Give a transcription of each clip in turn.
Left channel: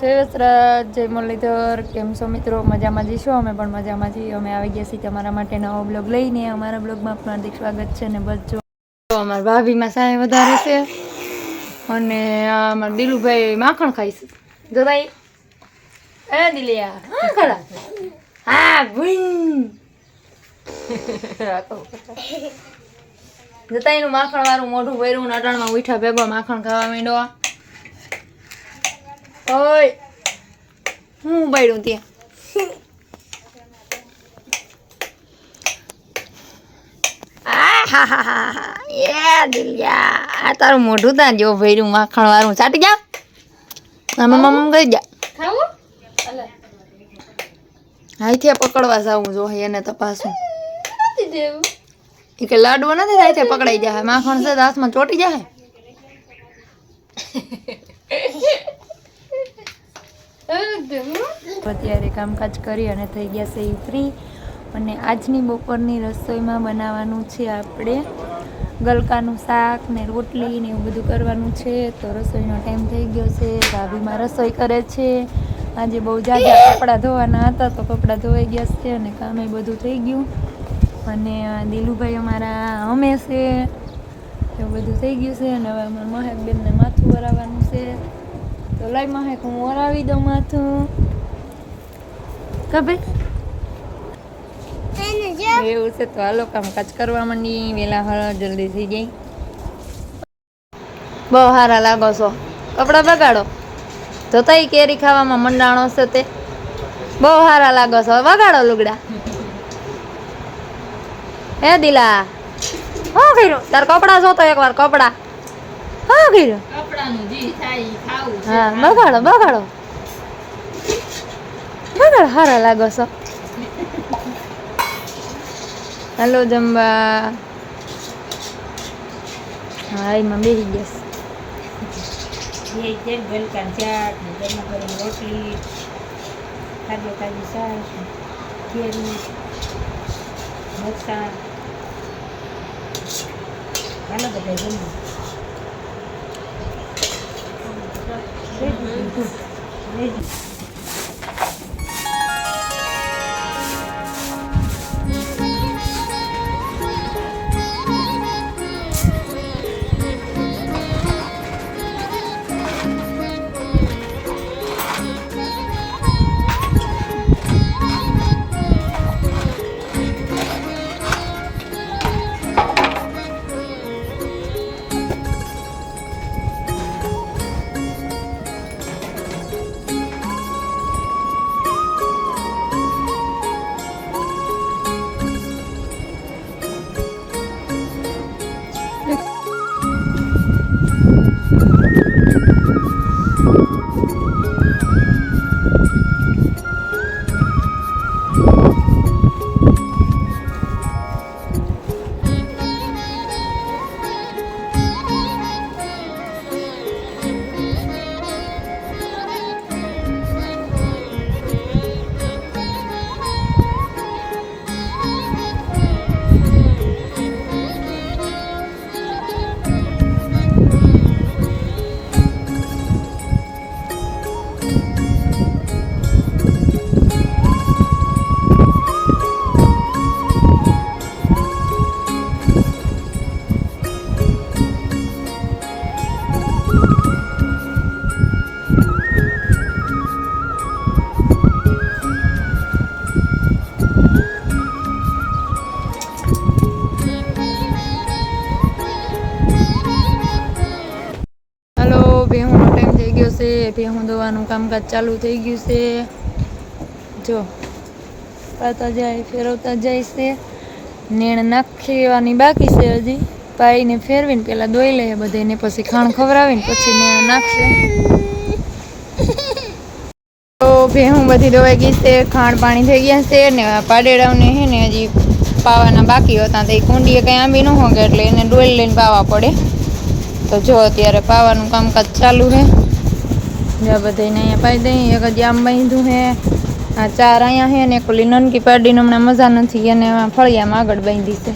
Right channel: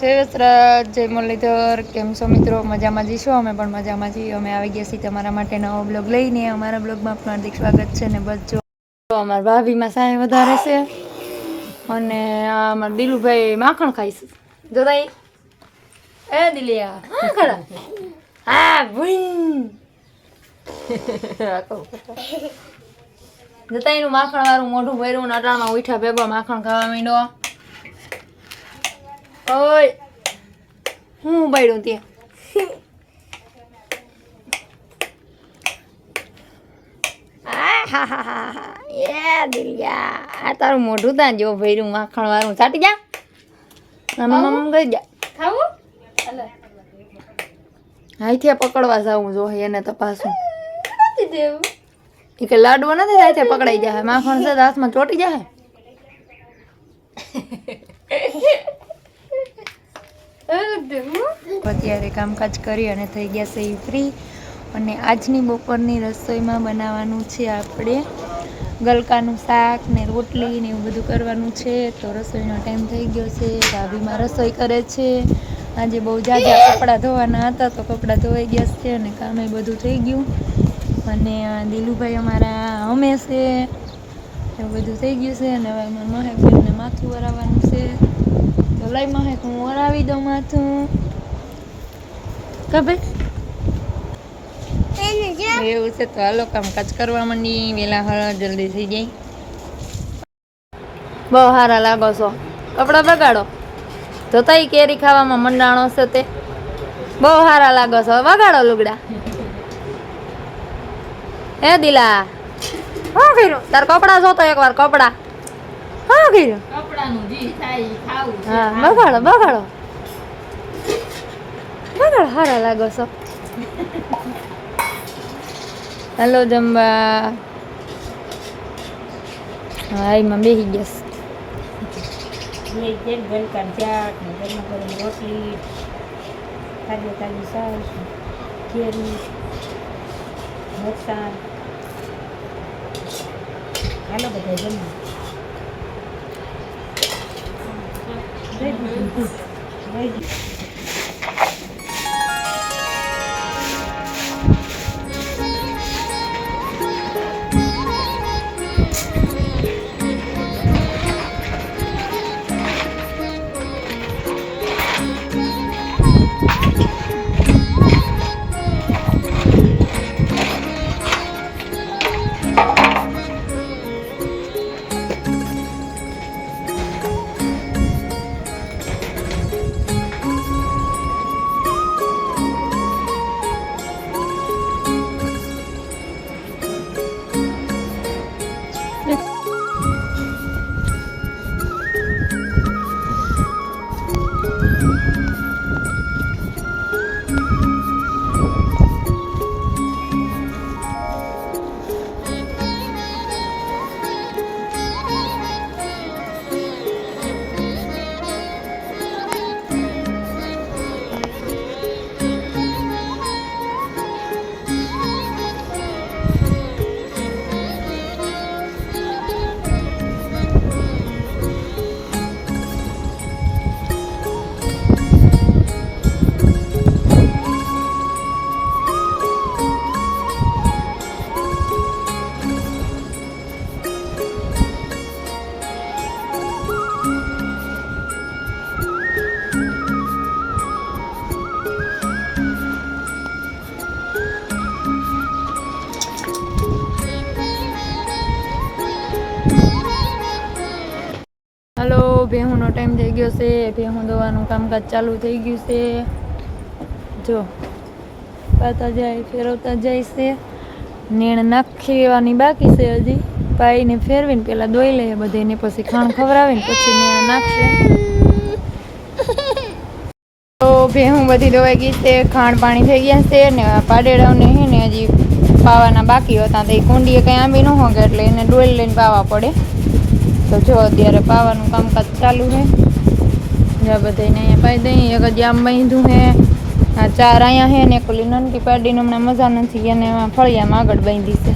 જય વસ્ત્રાજ, જય મુરલીધર. કેમ છો મિત્રો? મજામાં જઈશું. અમે પણ મજામાં છીએ. અમે આવી ગયા છીએ તમારા માટે નવો બ્લોગ લઈને. અમારા બ્લોગમાં આપનું હાર્દિક સ્વાગત છે. ને બસ જો અમારા ભાભીમાં સાય વધારે છે અને અમારા દિલુભાઈ માખણ ખાઈશ. જો ભાઈ એ દિલિયા ખરા હા ભૂઈ જતા એનું માખણ વાળું મોઢું ભર્યું ને અટાણમાં ઉઠા ભેગો માખણ ખાવા માંડ્યો. ઓય હું બાયડું ત્યાં આ તારું મોઢું ત્યાં જો ભર્યું માખણ વાળું ચાટી જા મમ્મ કહી જા હાઈથી પકડવા જાવું જો એને તપાસું એ કે લાડવો નથી હાઈથી પકડાઈ જાય માખણ છે હાથમાં ચોટી જાય. અત્યારે કામકાજ કરી અને થઈ ગયા છે ફ્રી અને આજની બપોરની રસોઈમાં બનાવવાનું છે આપણે ગલકાનું શાક ને રોટલી ને એવું બધું કરવાનું છે. તો રસોઈનો ટાઈમ થઈ ગયો છે. ભાભીમાં રસોઈ કરે છે. આજે બહુ જાજા કપડાં ધોવાના હતા તો કપડાં ધોવાઈ ગયા છે અને કામે બધું થઈ ગયું. અને દિલુભાઈ અમારા અમે છે એવું બધું થઈ ગયું છે. અને હવે અમારા મહેકને માથું વરાવવાનું છે. તો લઈ મહેક હું વરાવી દઉં માથું કબે એવું છે. તો હાલો કામકાજ કરવા માંડી વેલા હળ જલ્દી થઈ જાય. બહુ સારા લાગો છો. કપડાં બગાડો તો તઈ કેરી ખાવામાં મંડાણો છે તે બહુ સારા લાગો છો. વગાડો લુગડા હે દિલા હા કર્યું તાર કપડા જોતો એકવાર કપડા હા કર્યું હા બગાડો બગાડો બગાડો સારા લાગો છો. હાલો જમવા હા એમાં બેસી ગેસ ગલકાન ચાટ ને ગરમા ગરમ રોટલી કાજુ કાજુ સાસ કેરી મરચાં હાલો બધા જમવા. હાલો ભેહુંનો ટાઈમ થઈ ગયો છે. ભેહું દોવાનું કામકાજ ચાલુ થઈ ગયું છે. જો પાતા જાય ફેરવતા જાય છે. નેણ નાખવાની બાકી છે હજી. પાઈને ફેરવીને પેલા દોઈ લે બધાને પછી ખાણ ખવડાવીને પછી નેણ નાખશે. તો ભેહું બધી દોવાઈ ગઈ છે. ખાણ પાણી થઈ ગયા છે ને પાડેડાઓને હે ને હજી પાવાના બાકી હતા તો એ કુંડીએ કંઈ આંબી ન હોગે એટલે એને ડોલ લઈને પાવા પડે. તો જો અત્યારે પાવાનું કામકાજ ચાલુ છે. જ્યાં બધાને અહીંયા પાઈ દઈ એક હજી આમ બાંધ્યું છે. આ ચાર અહીંયા છે ને ઓલી નનકી પાડીને હમણાં મજા નથી એને ફળિયામાં આગળ બાંધી છે.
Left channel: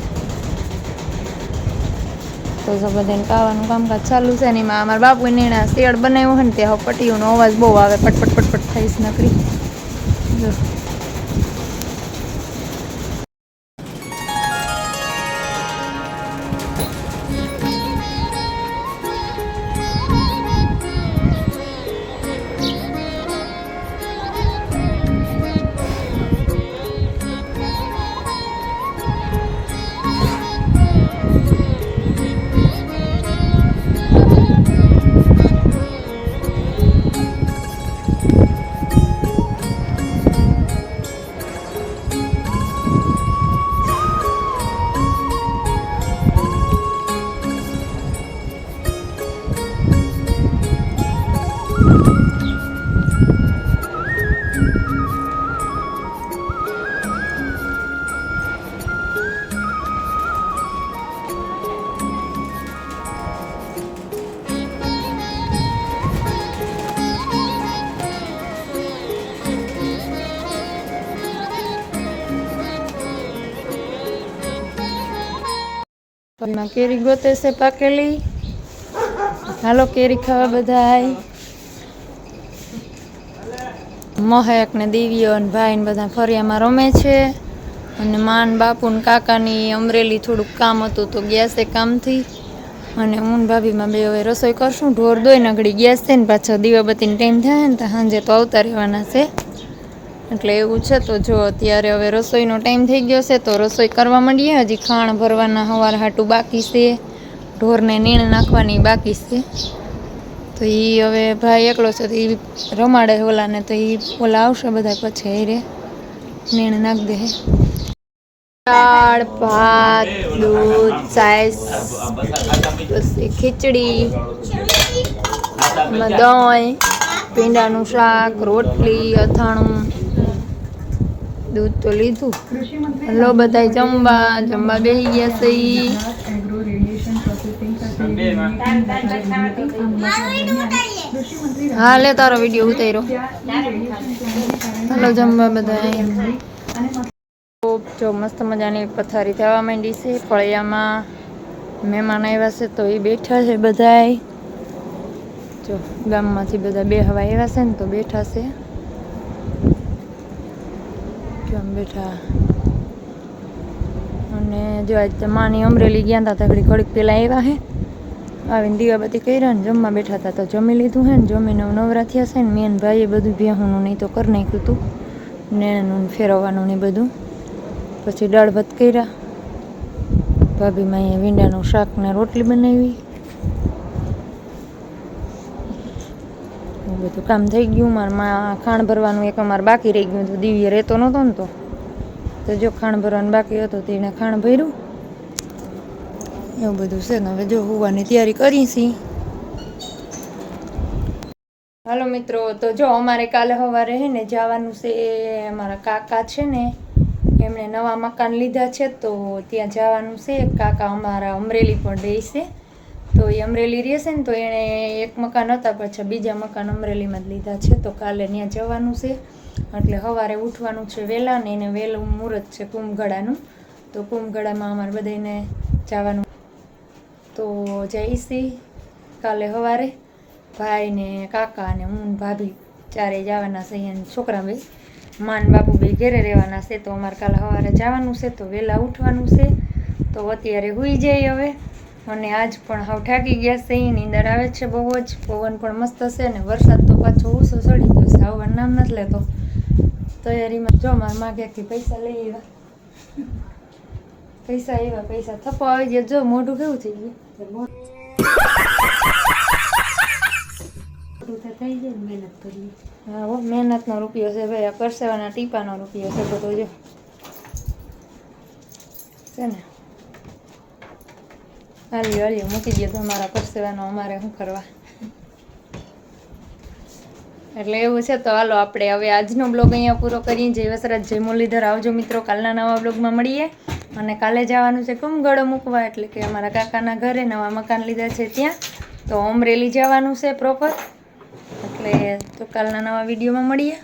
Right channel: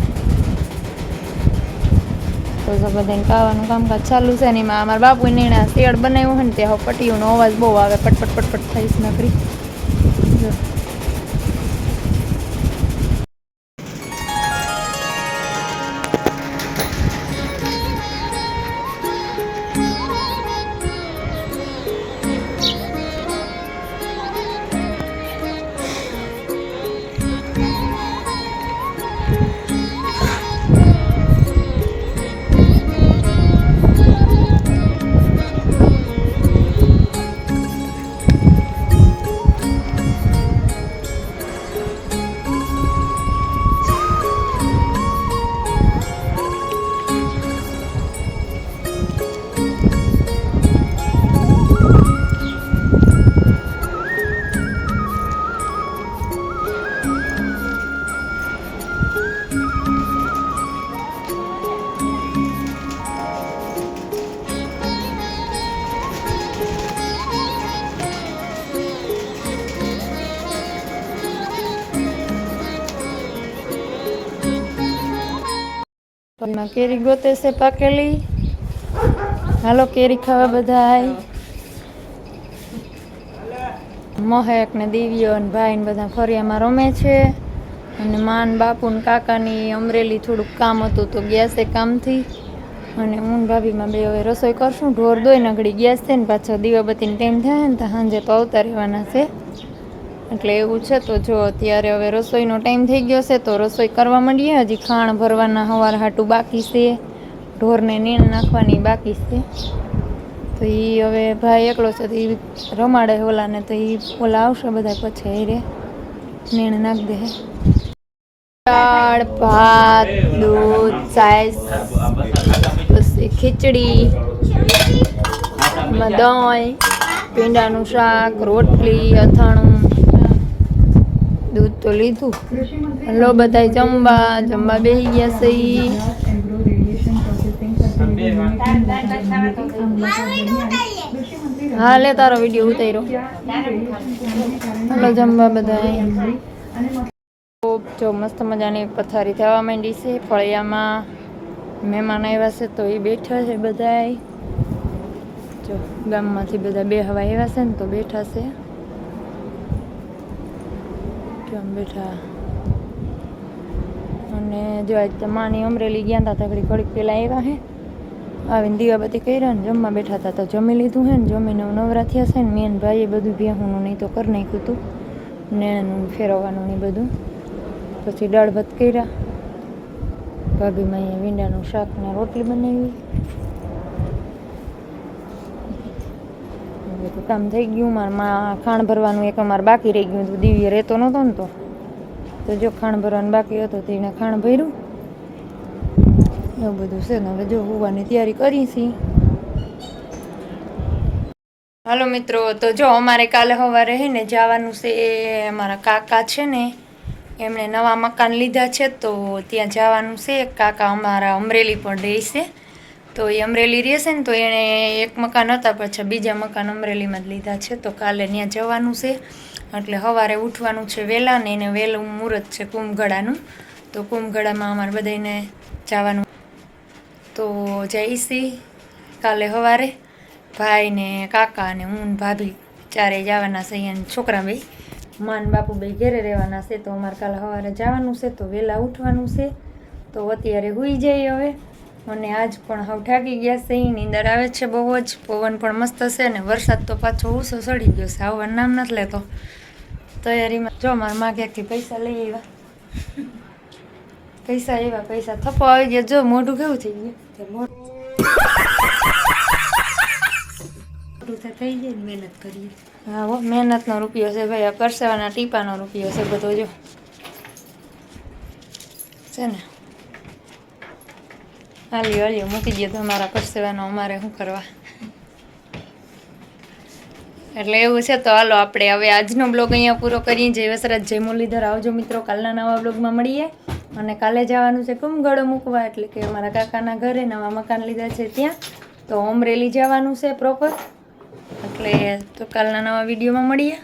તો બધાને ખાવાનું કામકાજ ચાલુ છે ને એમાં અમારા બાપુ નેણા શેડ બનાવ્યો હોય ને ત્યાં પટીઓનો અવાજ બહુ આવે, પટપટ પટપટ થઈશ નકરી. જો એમાં કેરી ગોતે છે પાકેલી. હાલો કેરી ખાવા બધા. મહેક ને દિવ્ય ને ભાઈ ને બધા ફરિયામાં રમે છે. અને માન બાપુ ને કાકાની અમરેલી થોડુંક કામ હતું તો ગયા છે કામથી. અને હું ભાભીમાં બે હવે રસોઈ કરશું. ઢોર દોઈ નગડી ગેસ છે ને પાછો દીવાબત્તીનો ટાઈમ થાય ને તો સાંજે તો આવતા રહેવાના છે. એટલે એવું છે. તો જો અત્યારે હવે રસોઈનો ટાઈમ થઈ ગયો છે તો રસોઈ કરવા માંડીએ. હજી ખાણ ભરવાના હવાર હાટું બાકી છે, ઢોરને નીણ નાખવાની બાકી છે. તો એ હવે ભાઈ એકલો છે તો એ રમાડે ઓલાને, તો એ ઓલા આવશે બધા પછી હેરે નીણ નાખ દે. દાળ ભાત દૂધ છાશ પછી ખીચડી દહીં ભીંડાનું શાક રોટલી અથાણું દૂધ તો લીધું. હલો બધા જમવા બેસી ગયા છે. હા લે તારો વિડીયો ઉતાર્યો. હલો જમવા બધા. જો મસ્ત મજાની પથારી થવા માંડી છે. ફળિયામાં મહેમાન આવ્યા છે તો એ બેઠા છે બધા. જો ગામમાંથી બધા બે હવા આવ્યા છે ને તો બેઠા છે. કેમ બેઠા. અને જો આજ માની અમરેલી ગયા હતા તો ઘડીક પેલા આવ્યા હે. આવીને દીવાબત્તી કર્યા ને જમવા બેઠા હતા તો જમી લીધું હે ને જમીને નવરા થયા છે ને મેન ભાઈએ બધું ભેહુંનું નહીં તો કરી નાખ્યું હતું, નેણનું ફેરવવાનું ને બધું. પછી દાળ ભાત કર્યા. ભાભીમાં અહીંયા ભીંડાનું શાક ને રોટલી બનાવી. બધું કામ થઈ ગયું. મારા ખાણ ભરવાનું એક અમારે બાકી રહી ગયું હતું. દિવ્ય રહેતો નહોતો ને તો જો ખાણ ભરવાનું બાકી હતો તો એને ખાણ ભર્યું. એવું બધું છે ને હવે જો હોવાની તૈયારી કરી છીએ. હાલો મિત્રો, તો જો અમારે કાલે સવારે હે ને જવાનું છે. અમારા કાકા છે ને એમણે નવા મકાન લીધા છે તો ત્યાં જવાનું છે. કાકા અમારા અમરેલી પણ રહે છે તો એ અમરેલી રહેશે ને તો એણે એક મકાન હતા પાછા બીજા મકાન અમરેલીમાં જ લીધા છે તો કાલે ત્યાં જવાનું છે. એટલે સવારે ઉઠવાનું છે વહેલા ને એને વહેલું મુહૂર્ત છે કુંભગળાનું. તો કુંભગળામાં અમારે બધાને જવાનું તો જઈશી કાલે સવારે. ભાઈ ને કાકા ને હું ભાભી ચારે જવાના છે. અહીંયા છોકરા ભાઈ માન બાપુ બે ઘેરે રહેવાના છે તો અમારે કાલે સવારે જવાનું છે તો વહેલા ઉઠવાનું છે. તો અત્યારે સૂઈ જાય હવે. અને આજ પણ હાવ થાકી ગયા છે. નીંદર આવે છે બહુ જ. પવન પણ મસ્ત છે ને વરસાદ તો પાછો ઊંચો ચડી ગયો છે. આવવાનું નામ નથી લેતો. તૈયારીમાં જો મારા માં ક્યાંકથી પૈસા લઈ આવ્યા. પૈસા આવ્યા, પૈસા થપ્પો આવી ગયા. જો મોઢું કેવું થઈ ગયું. મોઢું તો થઈ જાય ને મહેનત કરીએ. હા હો મહેનતનો રૂપિયો છે ભાઈ. આ પરસેવાના ટીપાનો રૂપિયો છે બધો. જો છે ને હાલ્યો મૂકી દો તમારા પરસેવાનો, અમારે શું કરવા. એટલે એવું છે. તો હાલો આપણે હવે આજનો બ્લોગ અહીંયા પૂરો કરીએ. જય વસરાજ જય મુરલીધર. આવજો મિત્રો, કાલના નવા બ્લોગમાં મળીએ. અને કાલે જવાનું છે કુંભગળો મૂકવા, એટલે કે અમારા કાકાના ઘરે નવા મકાન લીધા છે ત્યાં. તો અમરેલી જવાનું છે પ્રોપર. એટલે તો કાલના નવા વિડીયોમાં મળીએ.